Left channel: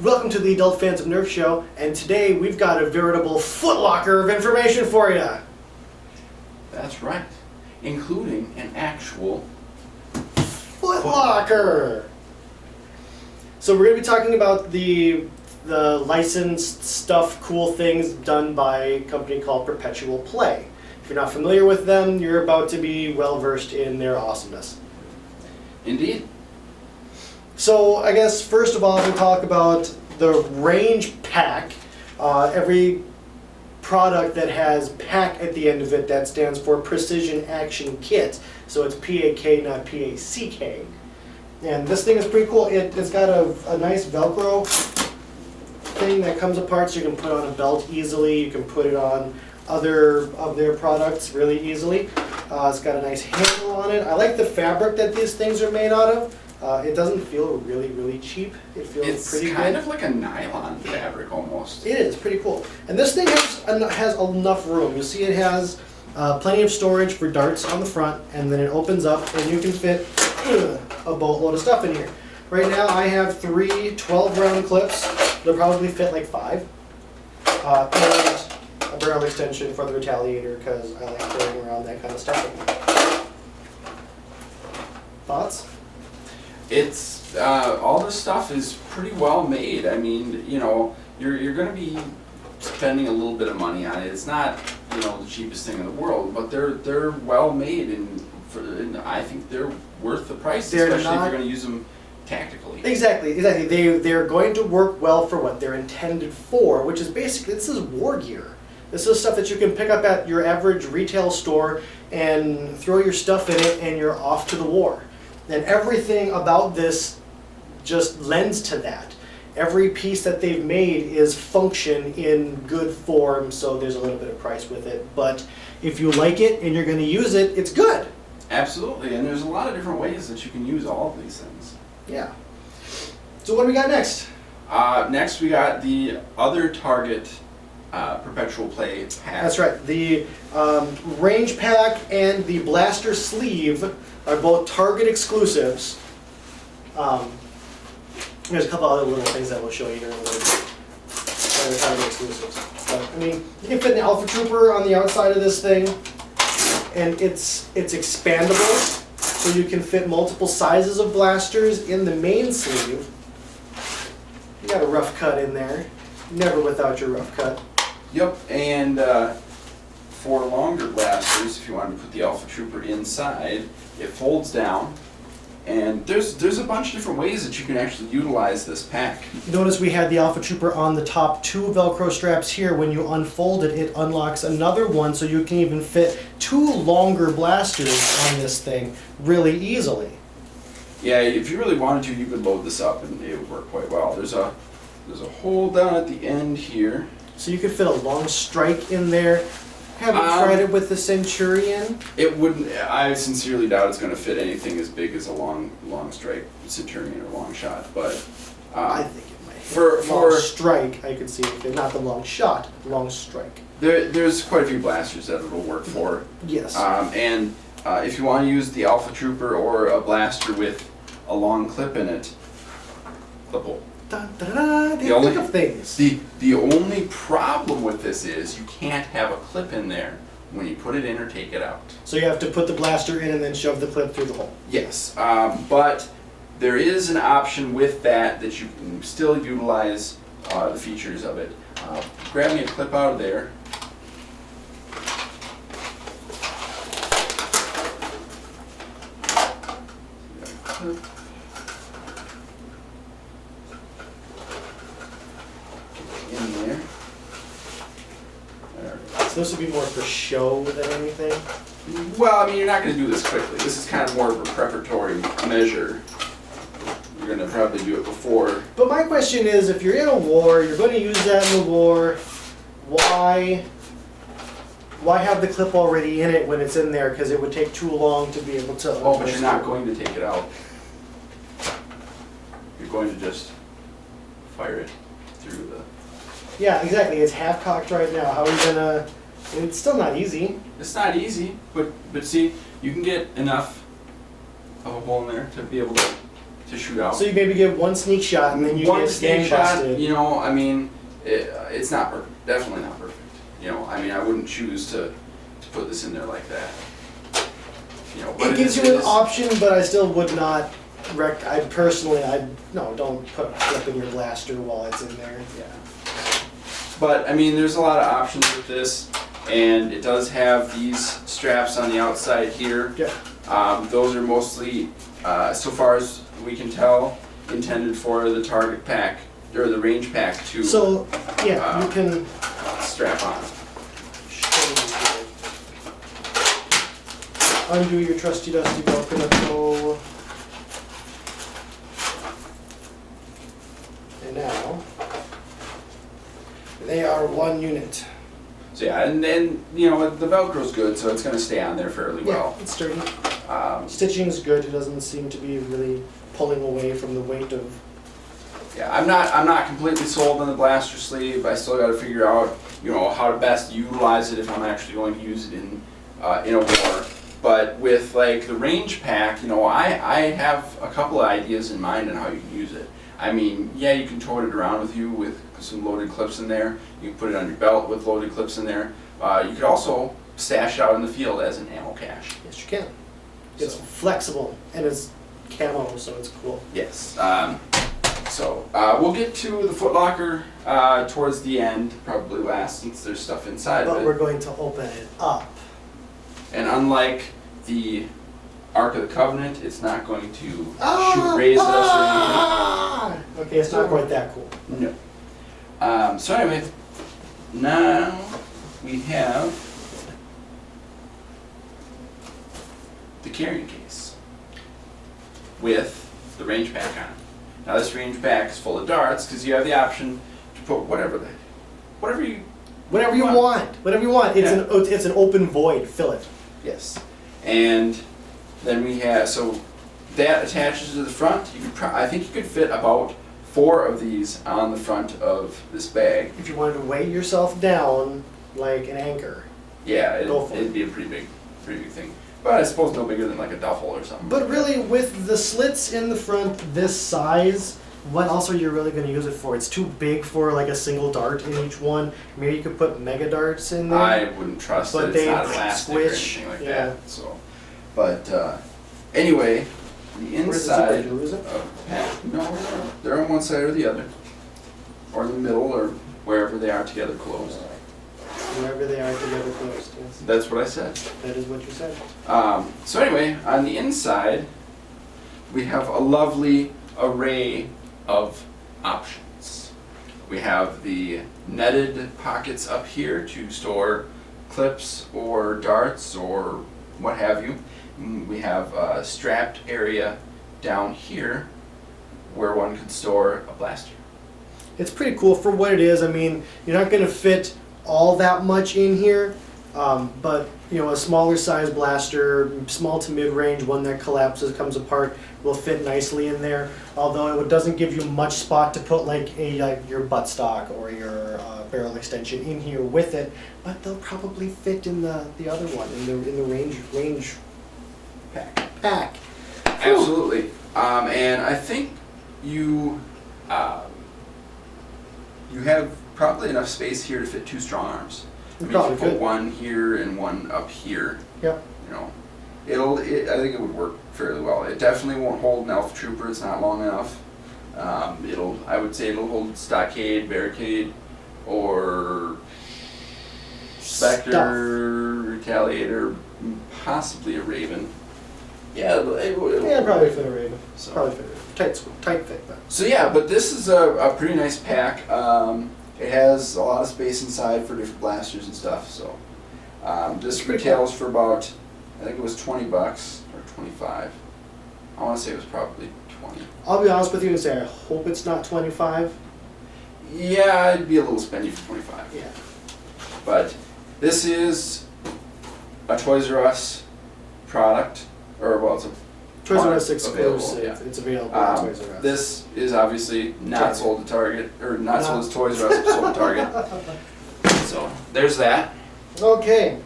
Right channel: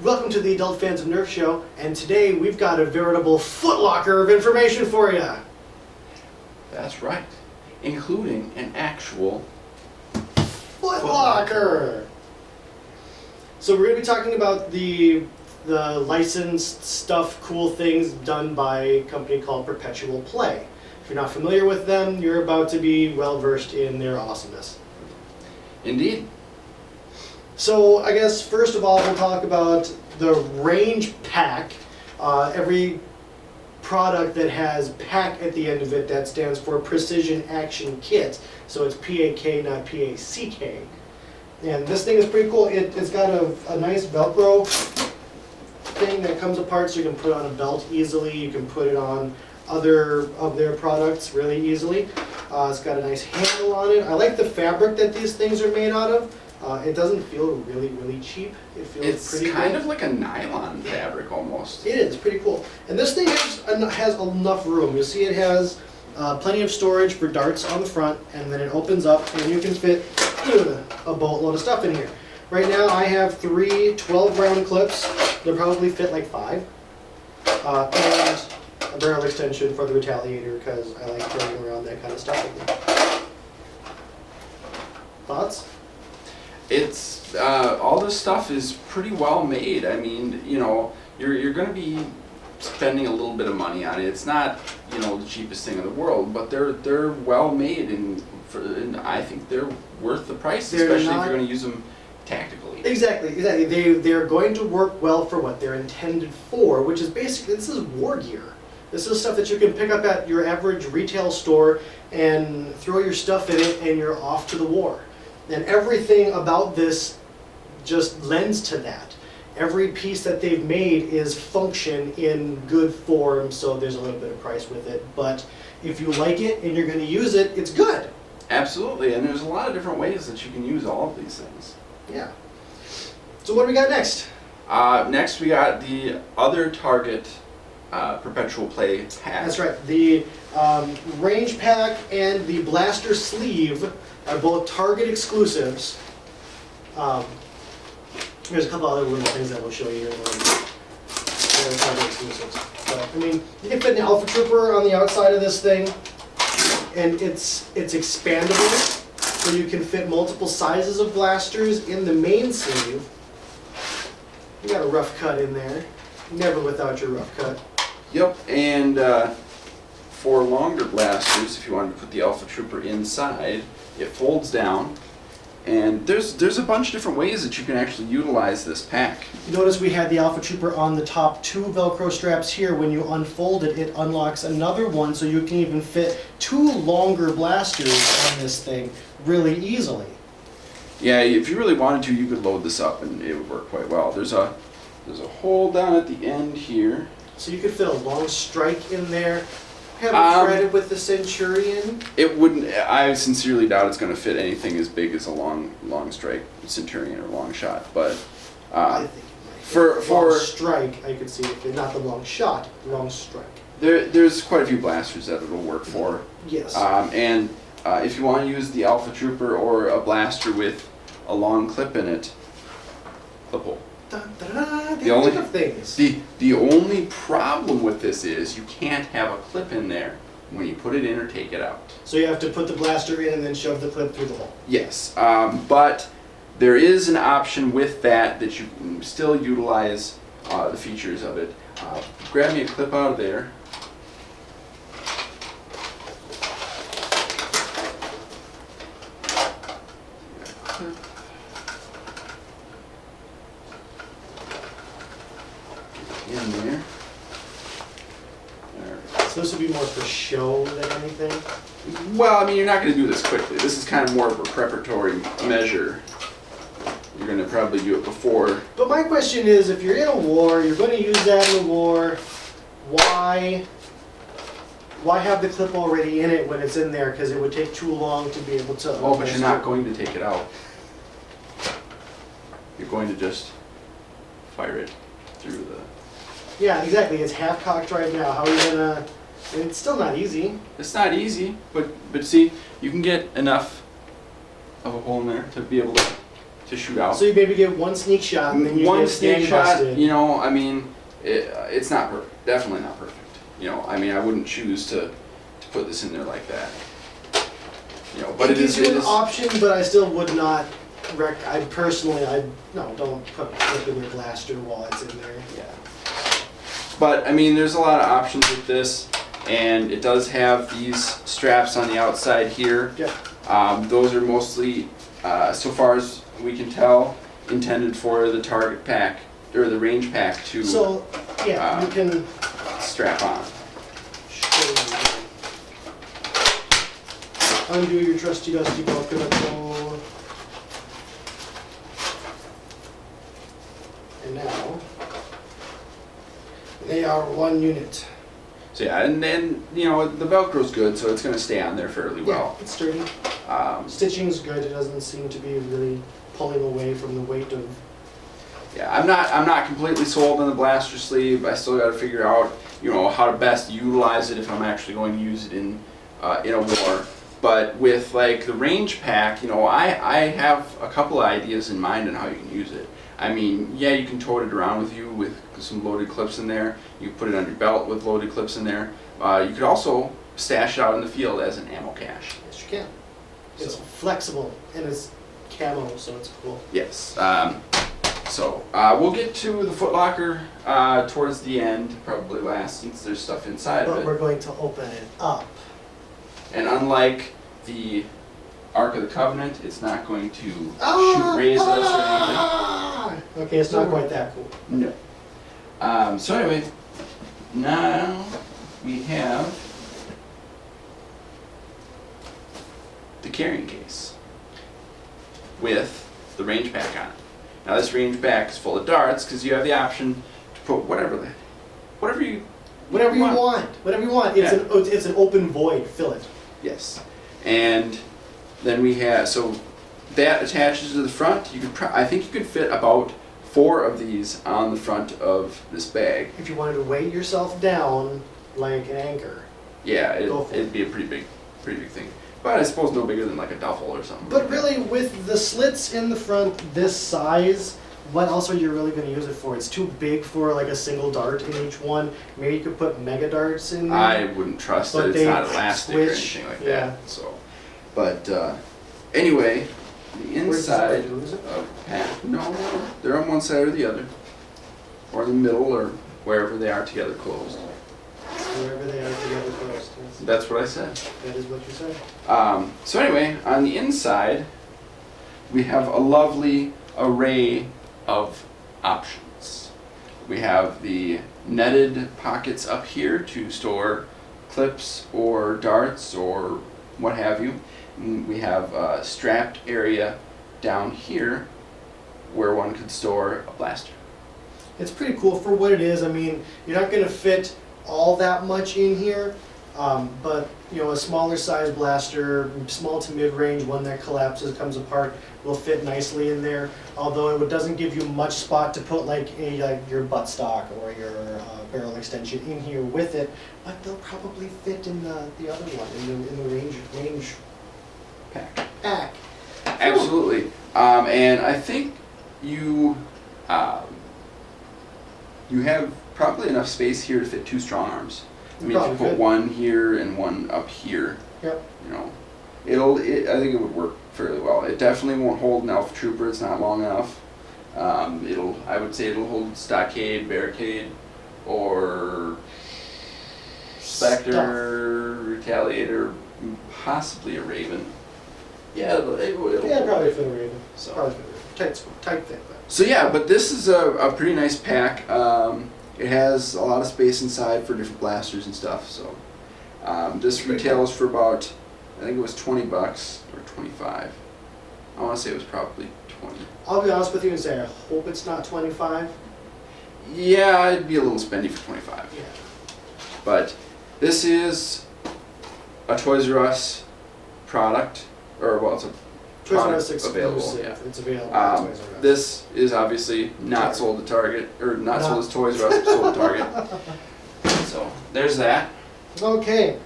Welcome to the Adult Fans of Nerf show, and today we've got a veritable footlocker of information for you. That's right, including an actual footlocker. So we're going to be talking about the licensed stuff, cool things done by a company called Perpetual Play. If you're not familiar with them, you're about to be well versed in their awesomeness. Indeed. So I guess first of all we'll talk about the range pack. Every product that has pack at the end of it, that stands for Precision Action Kit. So it's PAK, not PACK. And this thing is pretty cool. It's got a nice Velcro thing that comes apart so you can put on a belt easily. You can put it on other of their products really easily. It's got a nice handle on it. I like the fabric that these things are made out of. It doesn't feel really cheap. It feels pretty good. It's kind of like a nylon fabric almost. It is pretty cool. And this thing has enough room. You see it has plenty of storage for darts on the front, and then it opens up and you can fit a boatload of stuff in here. Right now I have 3 12-round clips. They'll probably fit like 5. And a barrel extension for the retaliator because I like carrying around that kind of stuff with me. Thoughts? It's all this stuff is pretty well made. I mean, you know, you're going to be spending a little bit of money on it. It's not, you know, the cheapest thing in the world, but they're well made, and I think they're worth the price, especially if you're going to use them tactically. Exactly. They're going to work well for what they're intended for, which is basically, this is war gear. This is stuff that you can pick up at your average retail store and throw your stuff in it and you're off to the war. And everything about this just lends to that. Every piece that they've made is function in good form, so there's a little bit of price with it. But if you like it and you're going to use it, it's good. Absolutely, and there's a lot of different ways that you can use all of these things. Yeah. So what do we got next? Next we got the other Target Perpetual Play pack. That's right. The range pack and the blaster sleeve are both Target exclusives. There's a couple other little things that we'll show you here in a little bit. They're Target exclusives. But, I mean, you can fit an Alpha Trooper on the outside of this thing, and it's expandable, so you can fit multiple sizes of blasters in the main sleeve. You got a rough cut in there. Never without your rough cut. Yep, and for longer blasters, if you wanted to put the Alpha Trooper inside, it folds down, and there's a bunch of different ways that you can actually utilize this pack. You notice we had the Alpha Trooper on the top 2 Velcro straps here. When you unfold it, it unlocks another one, so you can even fit 2 longer blasters on this thing really easily. Yeah, if you really wanted to, you could load this up and it would work quite well. There's a hole down at the end here. So you could fit a long strike in there. Have it threaded with the Centurion? It wouldn't. I sincerely doubt it's going to fit anything as big as a long strike Centurion or long shot. But I think it might. For long strike, I could see it fit. Not the long shot, long strike. There's quite a few blasters that it'll work for. Yes. And if you want to use the Alpha Trooper or a blaster with a long clip in it, clip hole. Dun, da, da, da, the only problem with this is you can't have a clip in there when you put it in or take it out. So you have to put the blaster in and then shove the clip through the hole. Yes, but there is an option with that you can still utilize the features of it. Grab me a clip out of there. In there. So this would be more for show than anything? Well, I mean, you're not going to do this quickly. This is kind of more of a preparatory measure. You're going to probably do it before. But my question is, if you're in a war, you're going to use that in the war, why have the clip already in it when it's in there? Because it would take too long to be able to... Oh, but you're not going to take it out. You're going to just fire it through the... Yeah, exactly. It's half cocked right now. How are you gonna? It's still not easy. It's not easy, but see, you can get enough of a hole in there to be able to to shoot out. So you maybe get one sneak shot and then you One get sneak shot, gangbusted. you know, I mean, it's not perfect. Definitely not perfect. You know, I mean, I wouldn't choose to put this in there like that. You know, but It gives you an is, option, but I still would not no, don't put clip in your blaster while it's in there. Yeah. But I mean, there's a lot of options with this, and it does have these straps on the outside here. Yeah. Those are mostly, so far as we can tell, intended for the target pack or the range pack to So, yeah, you can strap on. show you here. Undo your trusty dusty coconut toe. And now, they are one unit. So yeah, and then you know the Velcro's good, so it's going to stay on there fairly well. Yeah, it's sturdy. Um, Stitching's good. It doesn't seem to be really pulling away from the weight of. Yeah, I'm not completely sold on the blaster sleeve. I still got to figure out, you know, how to best utilize it if I'm actually going to use it in a war. But with like the range pack, you know, I have a couple of ideas in mind on how you can use it. I mean, yeah, you can tote it around with you with some loaded clips in there. You can put it on your belt with loaded clips in there. You could also stash it out in the field as an ammo cache. Yes, you can. It's So. flexible and it's camo, so it's cool. Yes. So we'll get to the footlocker towards the end, probably last, since there's stuff inside But of we're it. going to open it up. And unlike the Ark of the Covenant, it's not going to shoot rays at us or anything. Okay, it's not quite that cool. No. So anyway, now we have the carrying case with the range pack on it. Now this range pack is full of darts because you have the option to put whatever you Whatever you want. Whatever you want. Yeah. It's an open void. Fill it. Yes. And then we have, so that attaches to the front. You could I think you could fit about 4 of these on the front of this bag. If you wanted to weigh yourself down like an anchor. Yeah, Go for it. it'd be a pretty big thing. But I suppose no bigger than like a duffel or something. But really, with the slits in the front this size, what else are you really going to use it for? It's too big for like a single dart in each one. Maybe you could put mega darts in there. I wouldn't trust But it. It's they not elastic or squish, anything like yeah. that. So, but anyway, the inside Where's the zipper? Is it? of the pack. No, they're on one side or the other, or in the middle, or wherever they are together closed. Wherever they are together closed. Yes. That's what I said. That is what you said. So anyway, on the inside, we have a lovely array of options. We have the netted pockets up here to store clips or darts or what have you. We have a strapped area down here where one could store a blaster. It's pretty cool for what it is. I mean, you're not going to fit all that much in here, but you know, a smaller size blaster, small to mid-range, one that collapses, comes apart, will fit nicely in there. Although it doesn't give you much spot to put like your buttstock or your barrel extension in here with it, but they'll probably fit in the other one in the range pack. Absolutely. And I think you have probably enough space here to fit 2 strong arms. I mean, if you put one here and one up here, Yep. you know, I think it would work fairly well. It definitely won't hold an Alpha Trooper. It's not long enough. I would say it'll hold Stockade, Barricade, or Spectre, Retaliator, possibly a Raven. Yeah, it'll Probably fit a Raven. So. Probably fit a Raven. Tight fit, but. So yeah, but this is a pretty nice pack. It has a lot of space inside for different blasters and stuff. So this retails for about, I think it was $20 or 25. I want to say it was probably 20. I'll be honest with you and say I hope it's not 25. Yeah, I'd be a little spendy for 25. Yeah. But this is a Toys R Us product, or well, it's a Toys R Us product available. exclusive. Yeah. It's available at Toys R Us. This is obviously not sold at Target, or not sold as Toys R Us, but sold at Target. So there's that. Okay.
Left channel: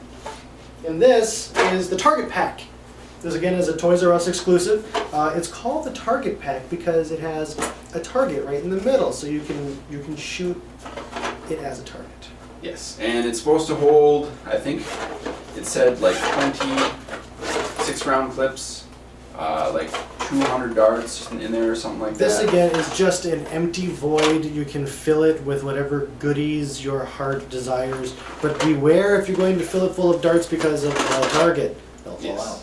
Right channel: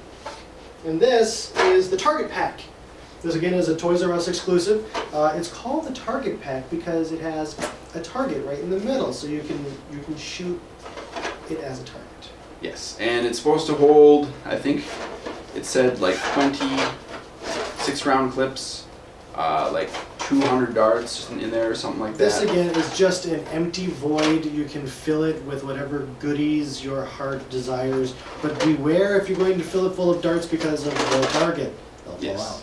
And this is the Target pack. This again is a Toys R Us exclusive. It's called the Target Pack because it has a target right in the middle, so you can shoot it as a target. Yes, and it's supposed to hold, I think it said like 26 round clips, like 200 darts in there or something like that. This again is just an empty void. You can fill it with whatever goodies your heart desires, but beware if you're going to fill it full of darts because of the target. They'll fall out.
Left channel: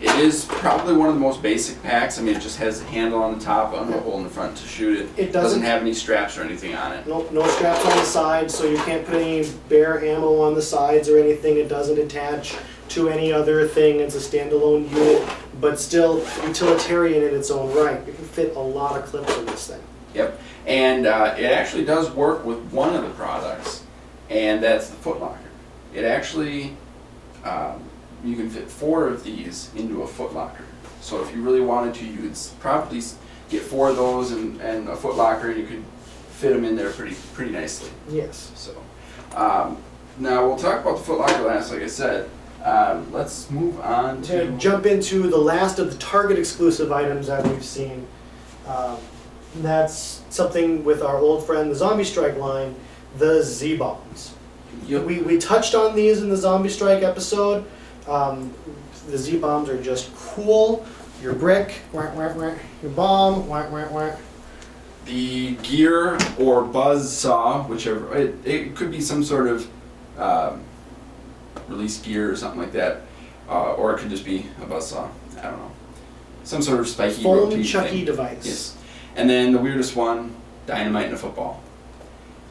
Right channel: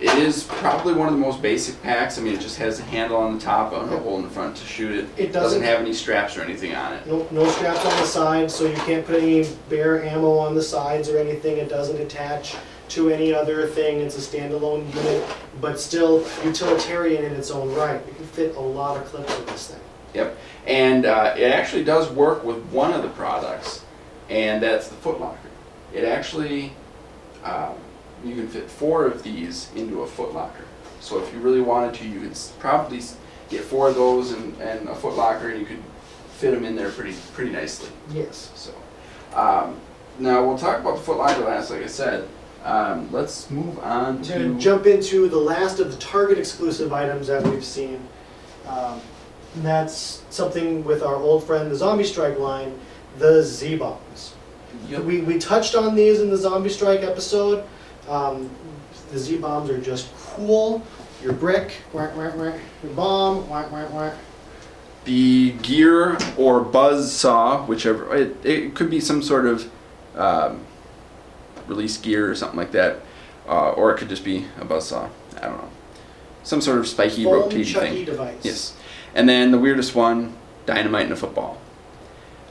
It is probably one of the most basic packs. I mean, it just has a handle on the top and a hole in the front to shoot it. It doesn't have any straps or anything on it. No straps on the sides, so you can't put any bare ammo on the sides or anything. It doesn't attach to any other thing. It's a standalone unit, but still utilitarian in its own right. You can fit a lot of clips in this thing. Yep, and it actually does work with one of the products, and that's the footlocker. It actually, you can fit 4 of these into a footlocker. So if you really wanted to, you could probably get 4 of those and a footlocker, and you could fit them in there pretty nicely. Yes. So now we'll talk about the footlocker last, like I said. Let's move on to jump into the last of the Target exclusive items that we've seen. That's something with our old friend, the Zombie Strike line, the Z-Bombs. Yep. We touched on these in the Zombie Strike episode. The Z-Bombs are just cool. Your brick, your bomb, the gear or buzz saw, whichever. It could be some sort of release gear or something like that, or it could just be a buzz saw. I don't know, some sort of spiky rotating chucky thing. device. Yes, and then the weirdest one, dynamite in a football.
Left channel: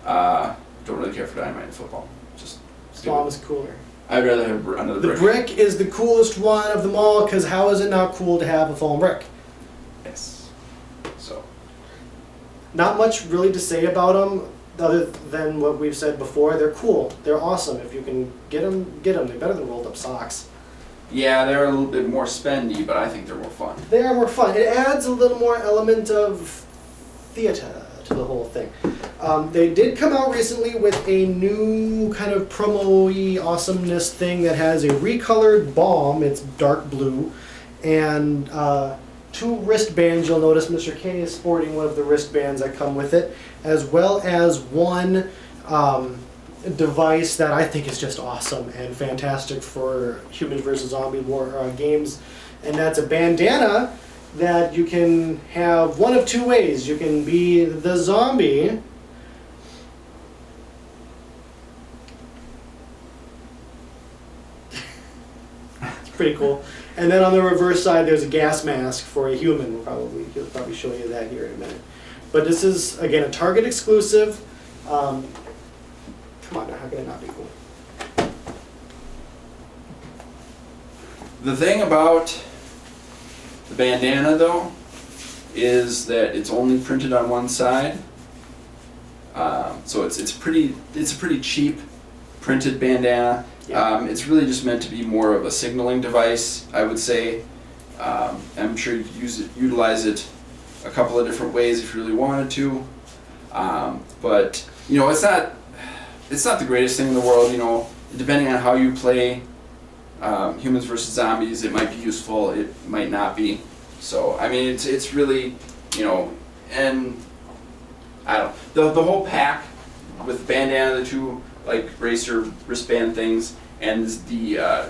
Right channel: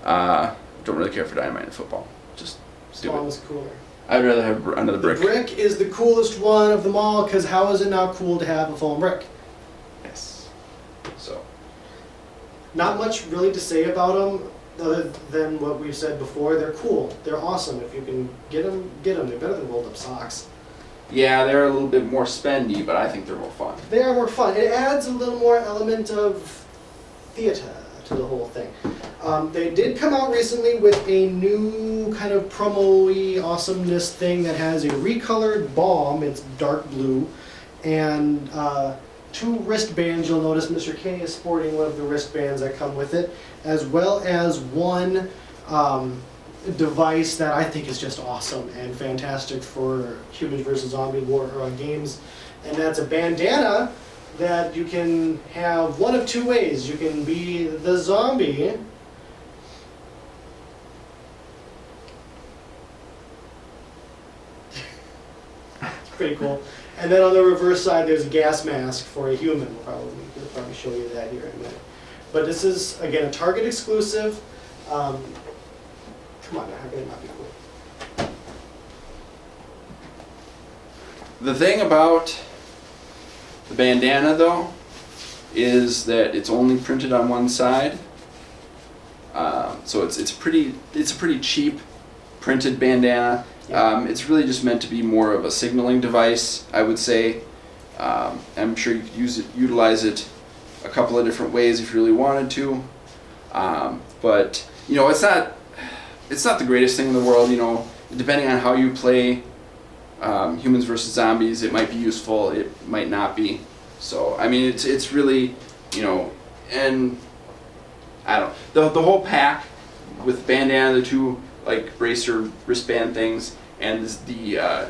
Don't really care for dynamite in a football. Just Bomb is cooler. I'd rather have another brick. The brick is the coolest one of them all, because how is it not cool to have a foam brick? Yes. So. Not much really to say about them, other than what we've said before. They're cool. They're awesome. If you can get them, get them. They're better than rolled up socks. Yeah, they're a little bit more spendy, but I think they're more fun. They are more fun. It adds a little more element of theater to the whole thing. They did come out recently with a new kind of promo-y awesomeness thing that has a recolored bomb. It's dark blue, and 2 wristbands. You'll notice Mr. Kenny is sporting one of the wristbands that come with it, as well as one device that I think is just awesome and fantastic for Humans vs. Zombie War games, and that's a bandana that you can have one of 2 ways. You can be the zombie, it's pretty cool, and then on the reverse side there's a gas mask for a human. He'll probably show you that here in a minute. But this is, again, a Target exclusive. Come on now, how can it not be cool? The thing about the bandana, though, is that it's only printed on one side. So it's a pretty cheap printed bandana. Yeah. It's really just meant to be more of a signaling device, I would say. I'm sure you could utilize it a couple of different ways if you really wanted to. But you know, it's not the greatest thing in the world. You know, depending on how you play Humans vs. Zombies, it might be useful, it might not be. So I mean, it's really, you know, and I don't know, the whole pack with the bandana, the 2 like bracer wristband things, and the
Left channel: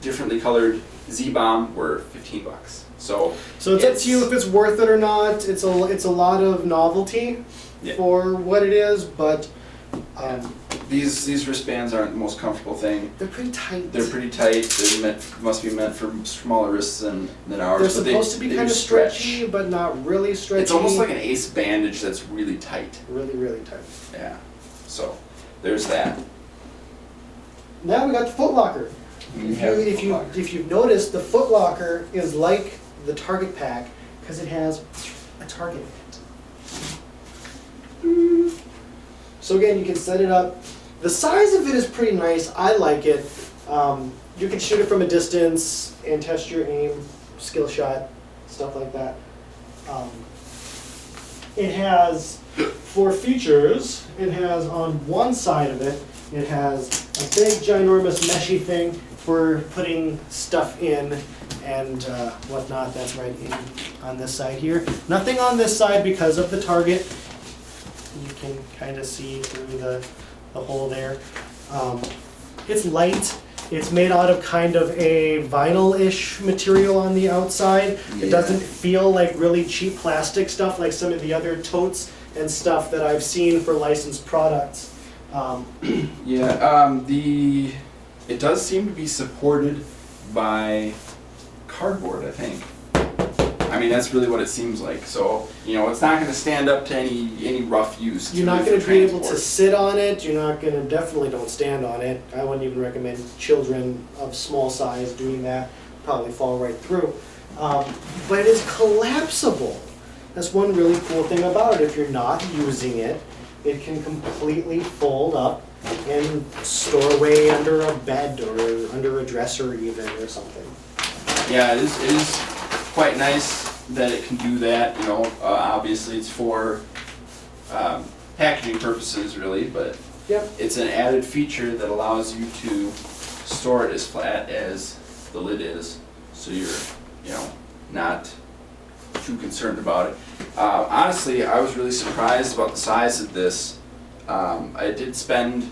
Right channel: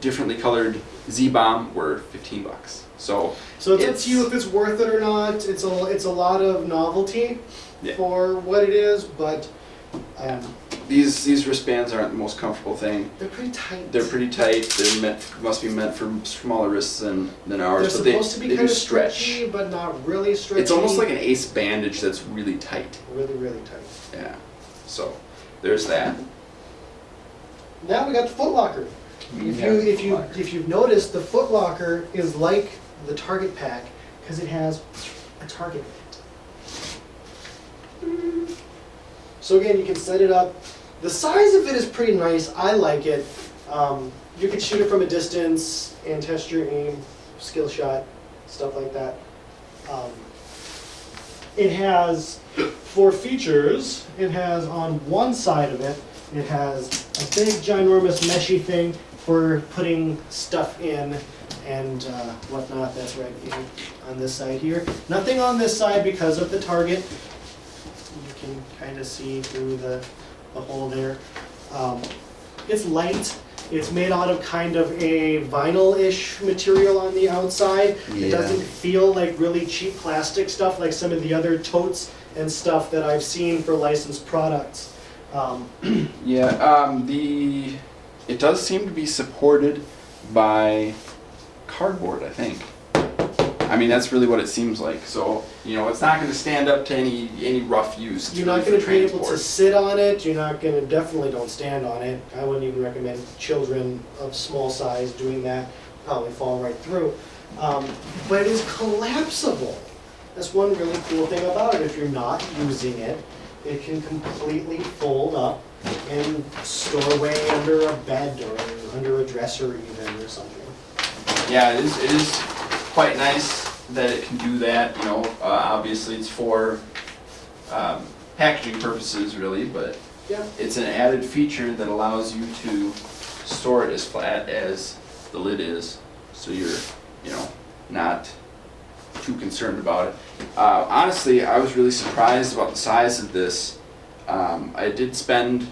differently colored Z-Bomb were $15. So it's up to you if it's worth it or not. It's a lot of novelty for what it is, but these wristbands aren't the most comfortable thing. they're pretty tight. They're pretty tight. Must be meant for smaller wrists than ours. They're supposed to be kind of stretchy, but not really stretchy. It's almost like an ace bandage that's really tight. Really, really tight. Yeah. So there's that. Now we got the footlocker. If you've noticed, the footlocker is like the Target pack because it has a target in it. So again, you can set it up. The size of it is pretty nice. I like it. You can shoot it from a distance and test your aim, skill shot, stuff like that. It has 4 features. It has on one side of it It has a big, ginormous, meshy thing for putting stuff in and whatnot. That's right in on this side here. Nothing on this side because of the target. You can kind of see through the hole there. It's light. It's made out of kind of a vinyl-ish material on the outside. Yeah. It doesn't feel like really cheap plastic stuff like some of the other totes and stuff that I've seen for licensed products. Yeah, it does seem to be supported by cardboard, I think. I mean, that's really what it seems like. So, it's not going to stand up to any rough use. You're not going to be able to sit on it. You're not going to, definitely don't stand on it. I wouldn't even recommend children of small size doing that. Probably fall right through. But it is collapsible. That's one really cool thing about it. If you're not using it, it can completely fold up and store away under a bed or under a dresser even or something. Yeah, it is quite nice that it can do that. Obviously it's for packaging purposes really, but yeah, it's an added feature that allows you to store it as flat as the lid is, so you're not too concerned about it. Honestly, I was really surprised about the size of this. I did spend,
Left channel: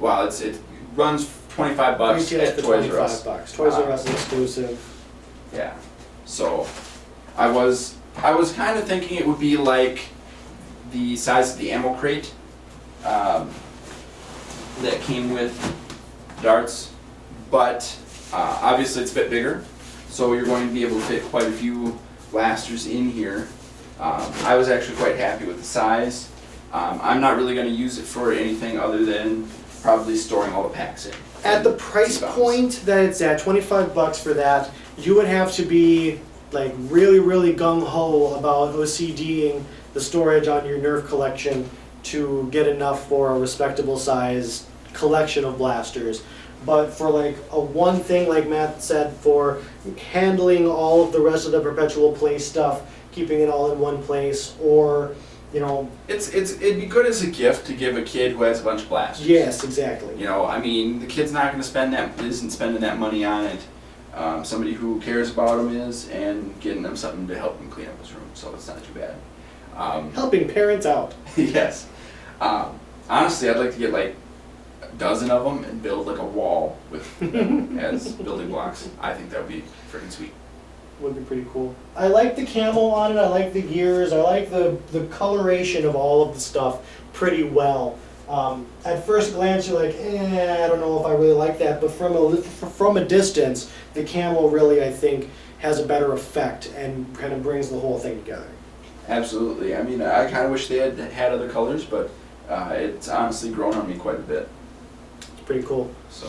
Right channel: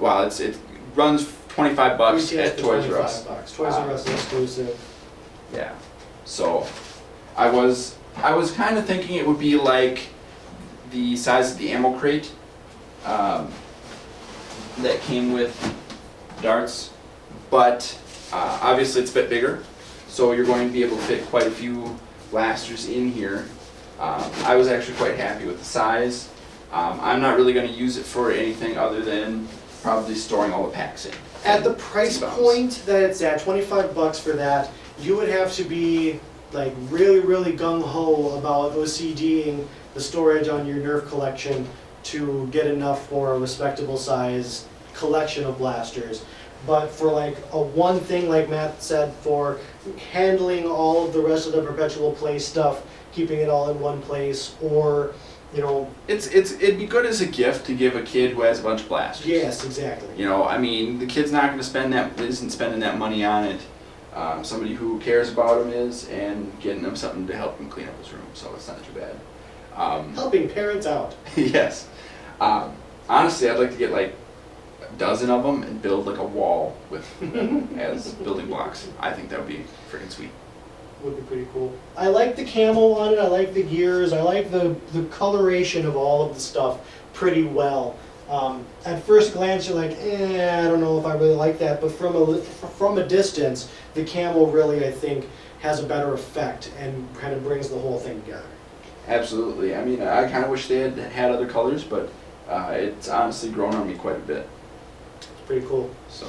it runs $25 Retails at for Toys R Us. $25. Toys R Us is exclusive. Yeah. So I was kind of thinking it would be like the size of the ammo crate that came with darts, but obviously it's a bit bigger, so you're going to be able to fit quite a few blasters in here. I was actually quite happy with the size. I'm not really going to use it for anything other than probably storing all the packs in. At the price point that it's at, $25 for that, you would have to be like really, really gung-ho about OCDing the storage on your Nerf collection to get enough for a respectable size collection of blasters. But for like a one thing, like Matt said, for handling all of the rest of the Perpetual Play stuff, keeping it all in one place, or it'd be good as a gift to give a kid who has a bunch of blasters. Yes, exactly. I mean, the kid's not going to isn't spending that money on it. Somebody who cares about him is, and getting them something to help him clean up his room, so it's not too bad. Helping parents out. Yes. Honestly, I'd like to get like a dozen of them and build like a wall with as building blocks. I think that would be freaking sweet. Would be pretty cool. I like the camo on it, I like the gears, I like the coloration of all of the stuff pretty well. At first glance you're like, I don't know if I really like that, but from a distance, the camo really, I think, has a better effect and kind of brings the whole thing together. Absolutely. I mean, I kind of wish they had other colors, but it's honestly grown on me quite a bit. It's pretty cool. So,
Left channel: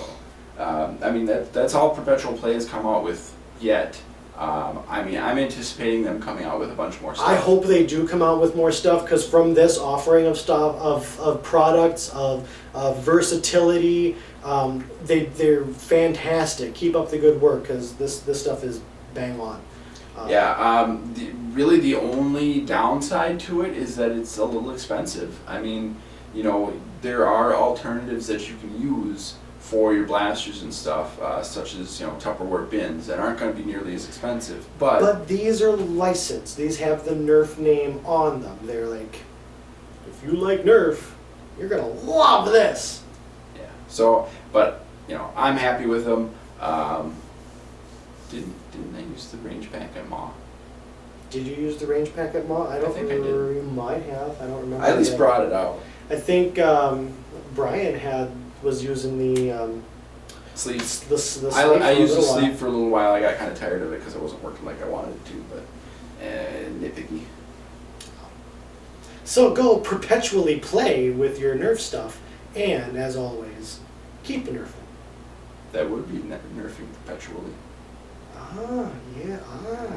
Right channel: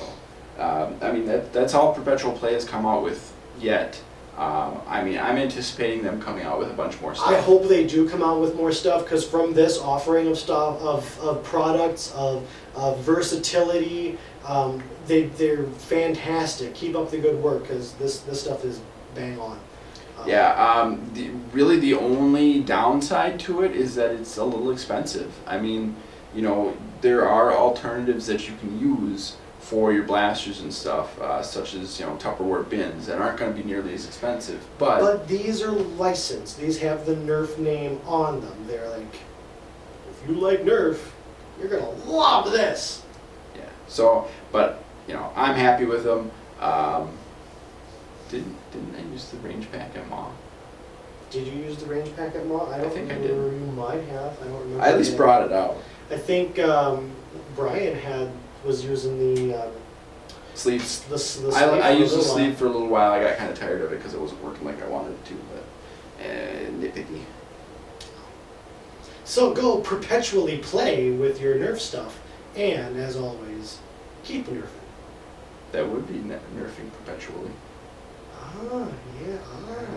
I mean, that's all Perpetual Play has come out with yet. I mean, I'm anticipating them coming out with a bunch more stuff. I hope they do come out with more stuff, because from this offering of stuff, of products, of versatility, they're fantastic. Keep up the good work, because this stuff is bang on. Yeah, really the only downside to it is that it's a little expensive. I mean, there are alternatives that you can use for your blasters and stuff, such as Tupperware bins that aren't going to be nearly as expensive. But these are licensed. These have the Nerf name on them. They're like, if you like Nerf, you're gonna love this. Yeah. So, but I'm happy with them. Didn't I use the range pack at MAW? Did you use the range pack at MAW? I don't think I remember. did. You might have. I don't remember. I at least brought it out. I think Brian was using the sleeves. The sleeve I used the for a sleeve for a little while. I got kind of tired of it because it wasn't working like I wanted it to, but nitpicky. So go perpetually play with your Nerf stuff, and as always, keep nerfing. That would be nerfing perpetually. Ah, yeah, ah.